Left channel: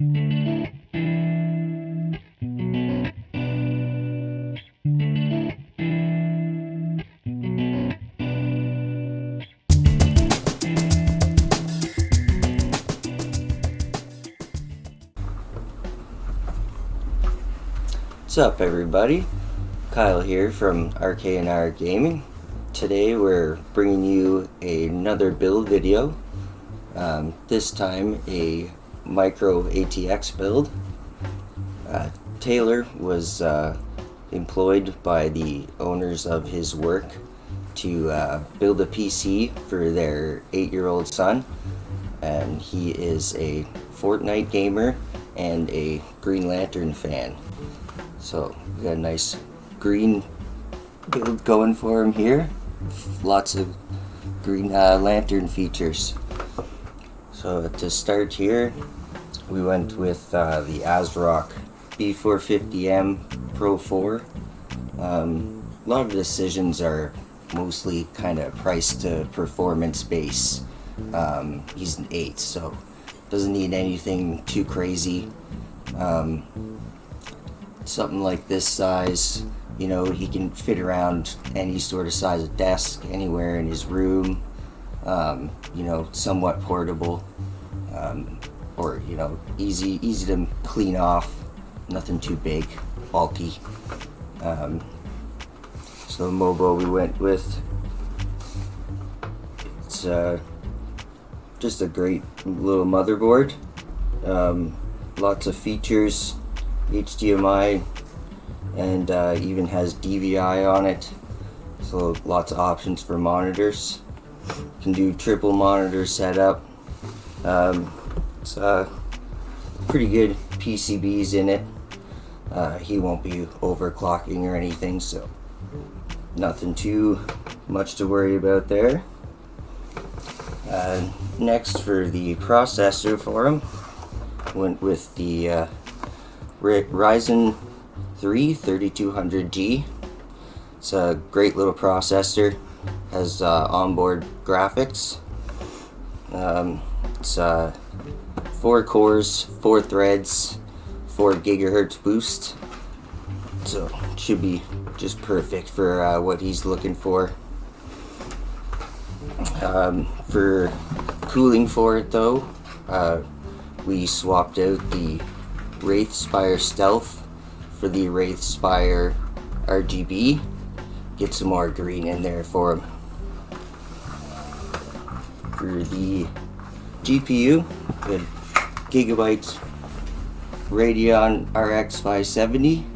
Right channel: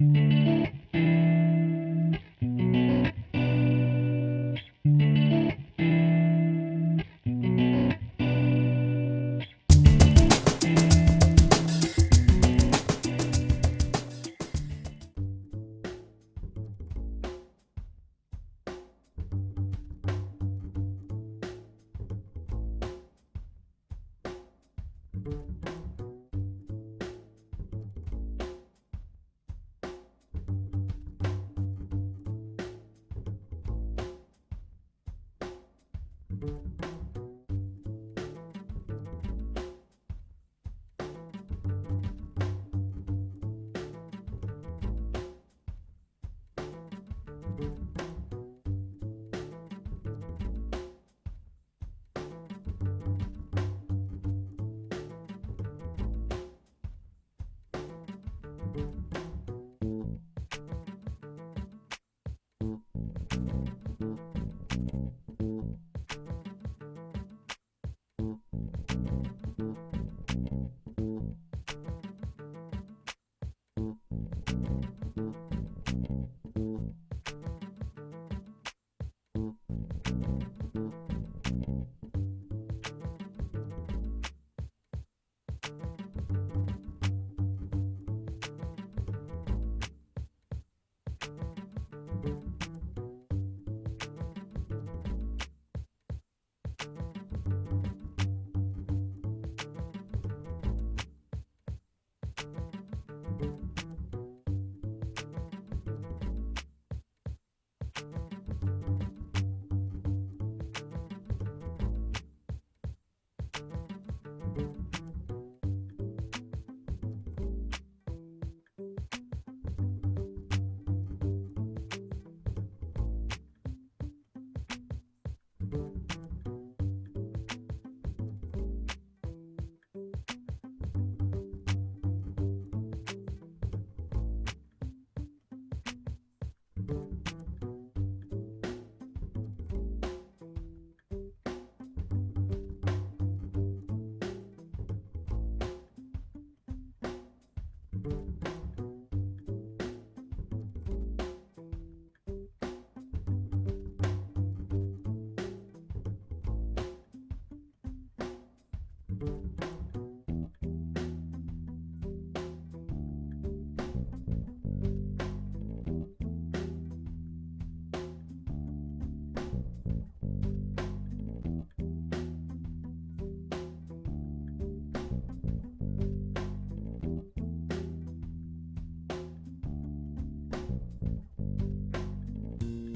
What's up, everybody? Kyle here from RK&R Gaming. Today we're bringing you another build video. This time a micro ATX build. Taylor was employed by the owners of his work to build a PC for their 8-year-old son, and he is a Fortnite gamer and a Green Lantern fan. So we got a nice green build going for him here. Lots of Green Lantern features. So to start here, we went with the ASRock B450M Pro 4. A lot of decisions are mostly kind of price to performance base. He's an 8, so doesn't need anything too crazy. Something like this size, you know, he can fit around any sort of size of desk anywhere in his room. You know, somewhat portable, or you know, easy to clean off. Nothing too big, bulky. So the Mobo we went with, it's just a great little motherboard. Lots of features, HDMI, and even has DVI on it. So lots of options for monitors. Can do triple monitor setup. It's pretty good PCBs in it. He won't be overclocking or anything, so nothing too much to worry about there. Next, for the processor for him, went with the Ryzen 3 3200G. It's a great little processor. Has onboard graphics. It's 4 cores, 4 threads, 4 gigahertz boost. So it should be just perfect for what he's looking for. For cooling for it though, we swapped out the Wraithspire Stealth for the Wraithspire RGB. Get some more green in there for him. For the GPU, good Gigabyte Radeon RX 570.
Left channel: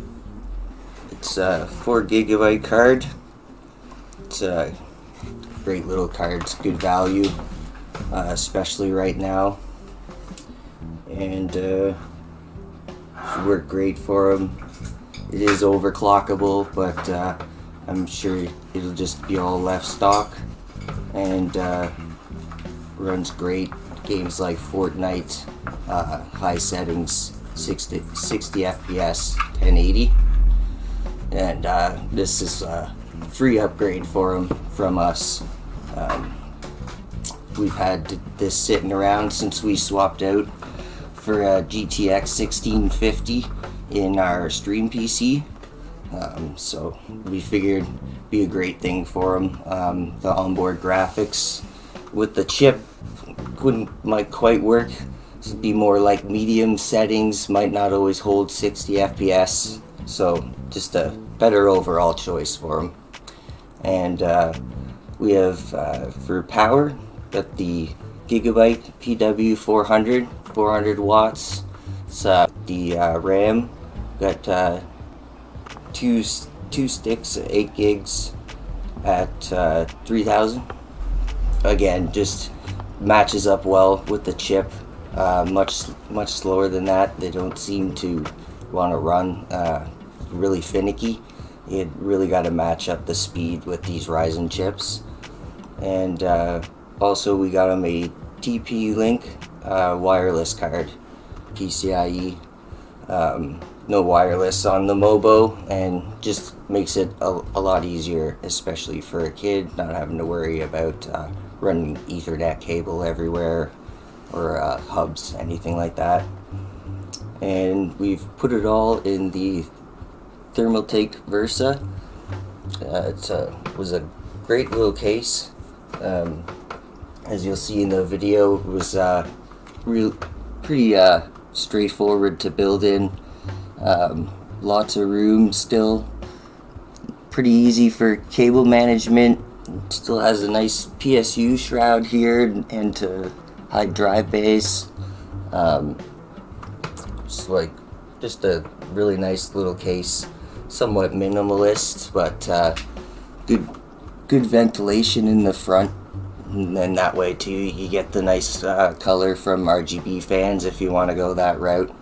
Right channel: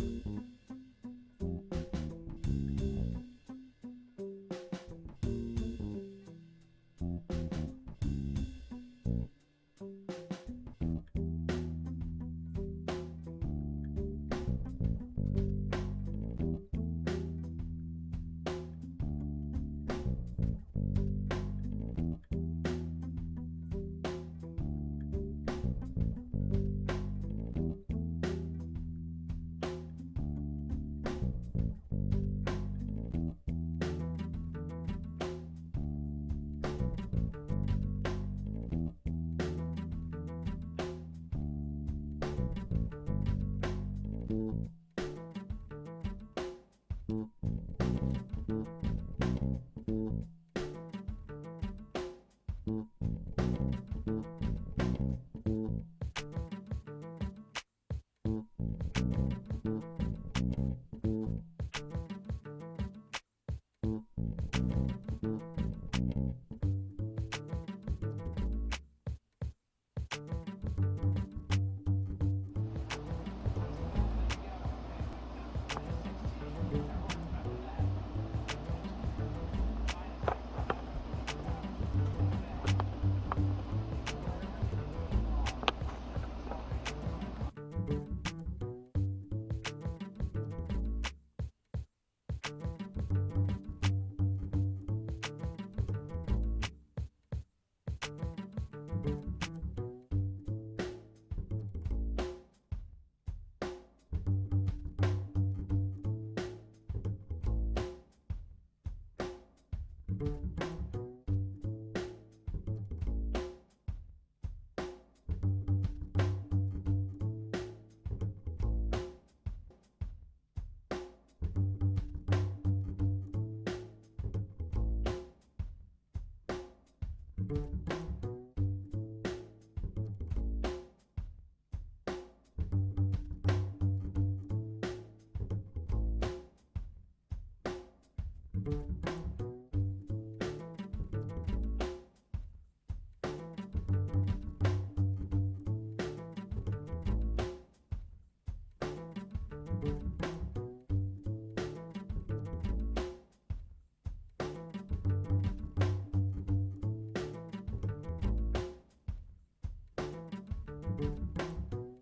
It's a 4 gigabyte card. It's a great little card. It's good value, especially right now, and should work great for him. It is overclockable, but I'm sure it'll just be all left stock, and runs great. Games like Fortnite, high settings, 60 FPS, 1080, and this is a free upgrade for him from us. We've had this sitting around since we swapped out for a GTX 1650 in our stream PC. So we figured it'd be a great thing for him. The onboard graphics with the chip might quite work. It'd be more like medium settings, might not always hold 60 FPS. So just a better overall choice for him. And we have for power, got the Gigabyte PW 400 watts. It's the RAM, got two sticks, 8 gigs at 3000. Again, just matches up well with the chip. Much slower than that. They don't seem to want to run really finicky. It really got to match up the speed with these Ryzen chips. And also we got them a TP-Link wireless card, PCIe. No wireless on the Mobo, and just makes it a lot easier, especially for a kid, not having to worry about running Ethernet cable everywhere, or hubs, anything like that. and we've put it all in the Thermaltake Versa. It was a great little case. As you'll see in the video, it was pretty straightforward to build in. Lots of room still. Pretty easy for cable management. Still has a nice PSU shroud here and to hide drive bays. Just a really nice little case. Somewhat minimalist, but good ventilation in the front. And then that way too, you get the nice color from RGB fans if you want to go that route.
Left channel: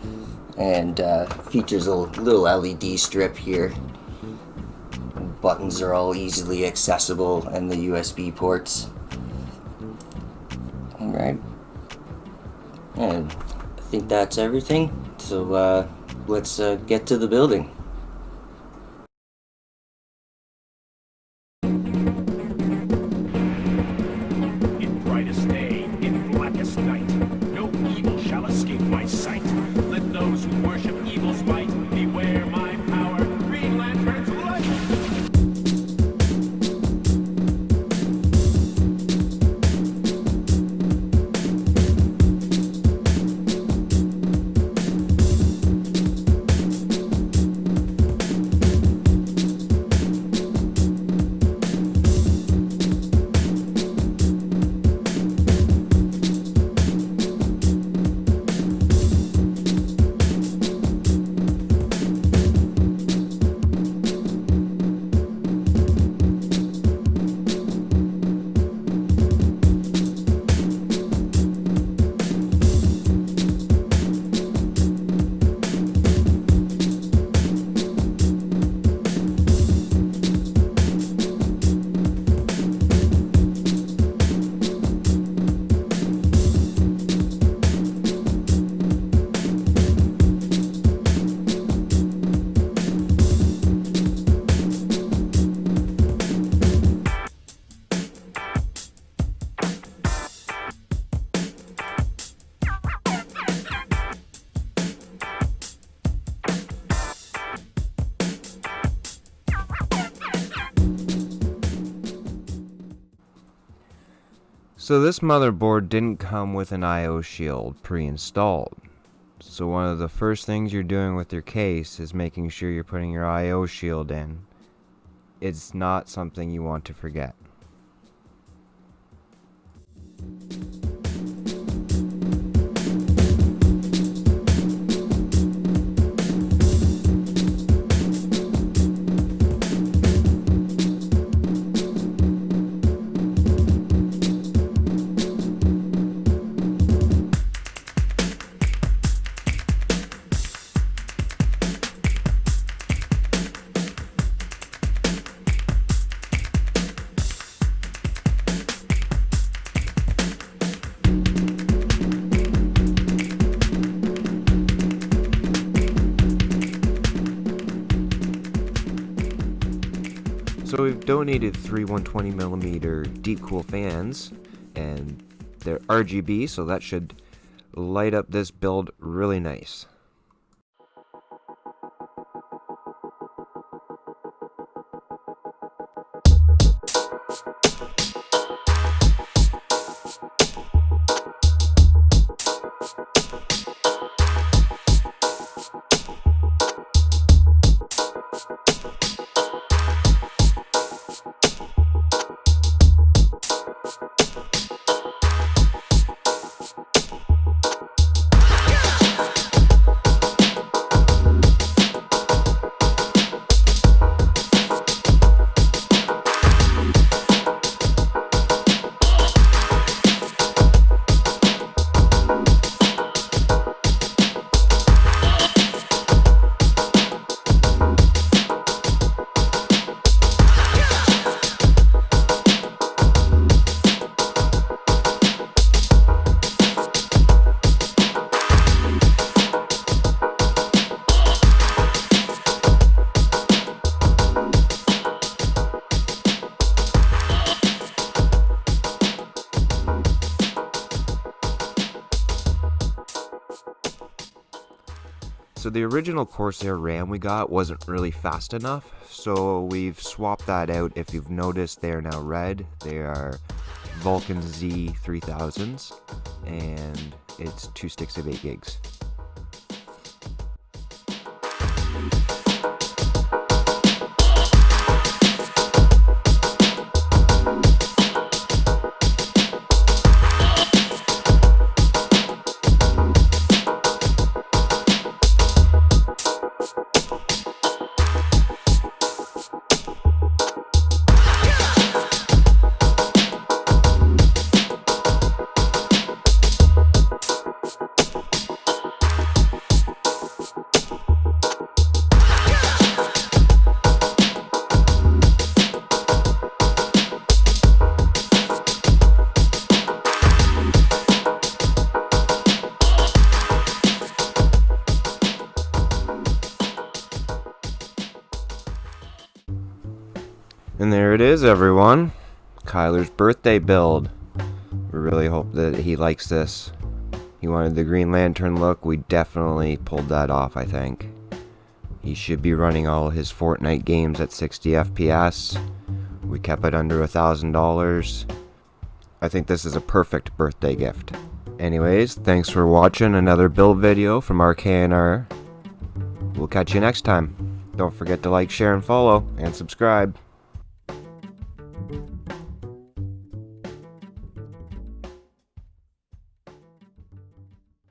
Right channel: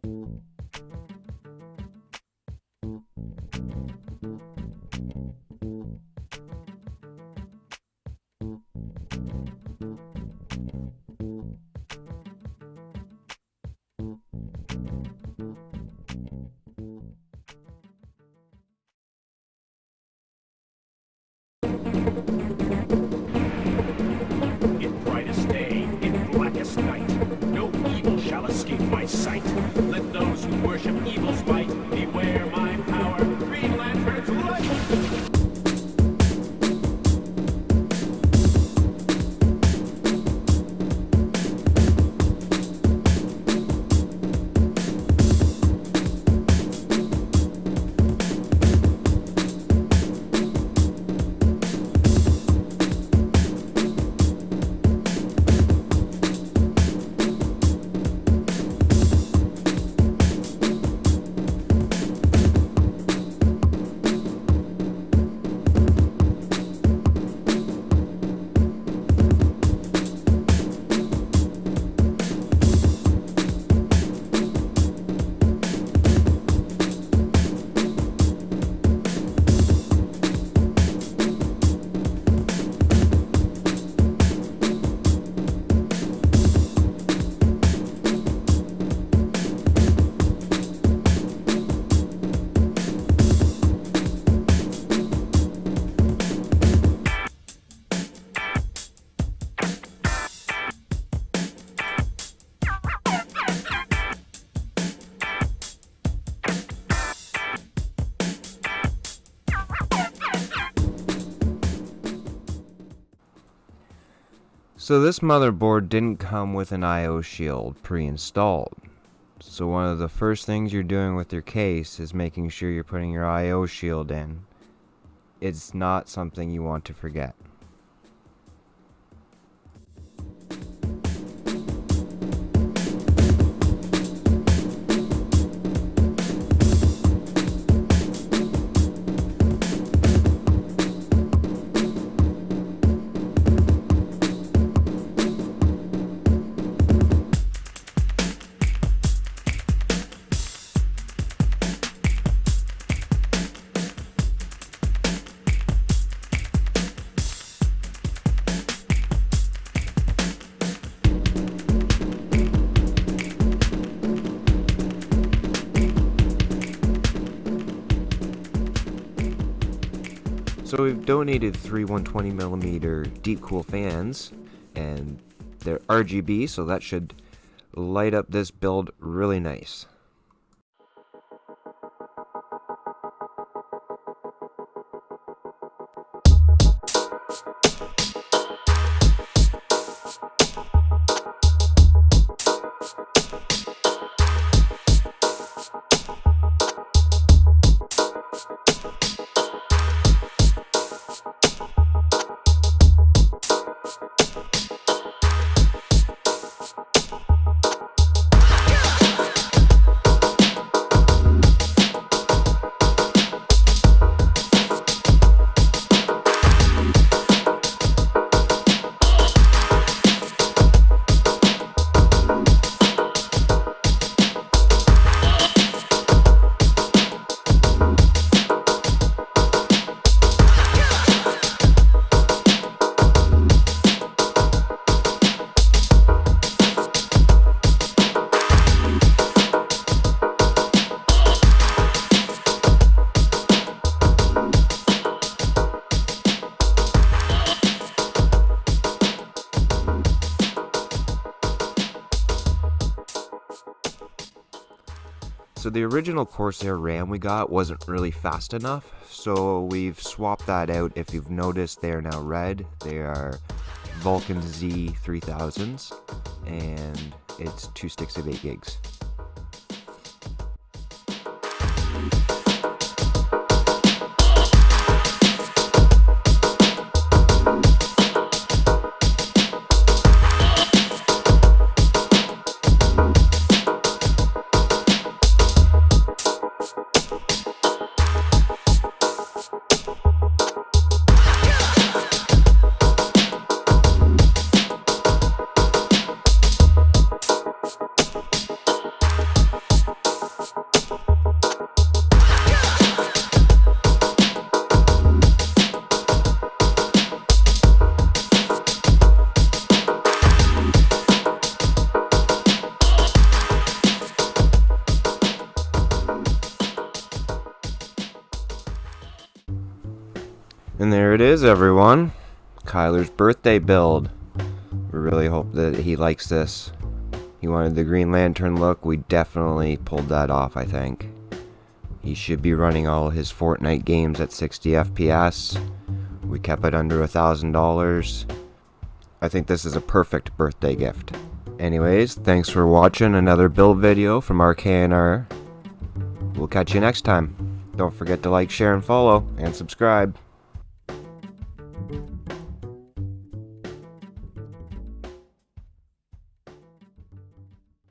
And features a little LED strip here. Buttons are all easily accessible, and the USB ports. Alright. And I think that's everything. So let's get to the building. In brightest day, in blackest night, no evil shall escape my sight. Let those who worship evil's might beware my power. Green Lantern's light. So this motherboard didn't come with an I/O shield pre-installed. So one of the first things you're doing with your case is making sure you're putting your I/O shield in. It's not something you want to forget. So we've donated 3 120mm deep cool fans, and they're RGB, so that should light up this build really nice. So the original Corsair RAM we got wasn't really fast enough, so we've swapped that out. If you've noticed, they are now red. They are Vulcan Z3000s, and it's 2 sticks of 8 gigs. And there it is, everyone. Kyler's birthday build. We really hope that he likes this. He wanted the Green Lantern look. We definitely pulled that off, I think. He should be running all his Fortnite games at 60 FPS. We kept it under $1,000. I think this is a perfect birthday gift. Anyways, thanks for watching another build video from RKNR. We'll catch you next time. Don't forget to like, share, and follow, and subscribe.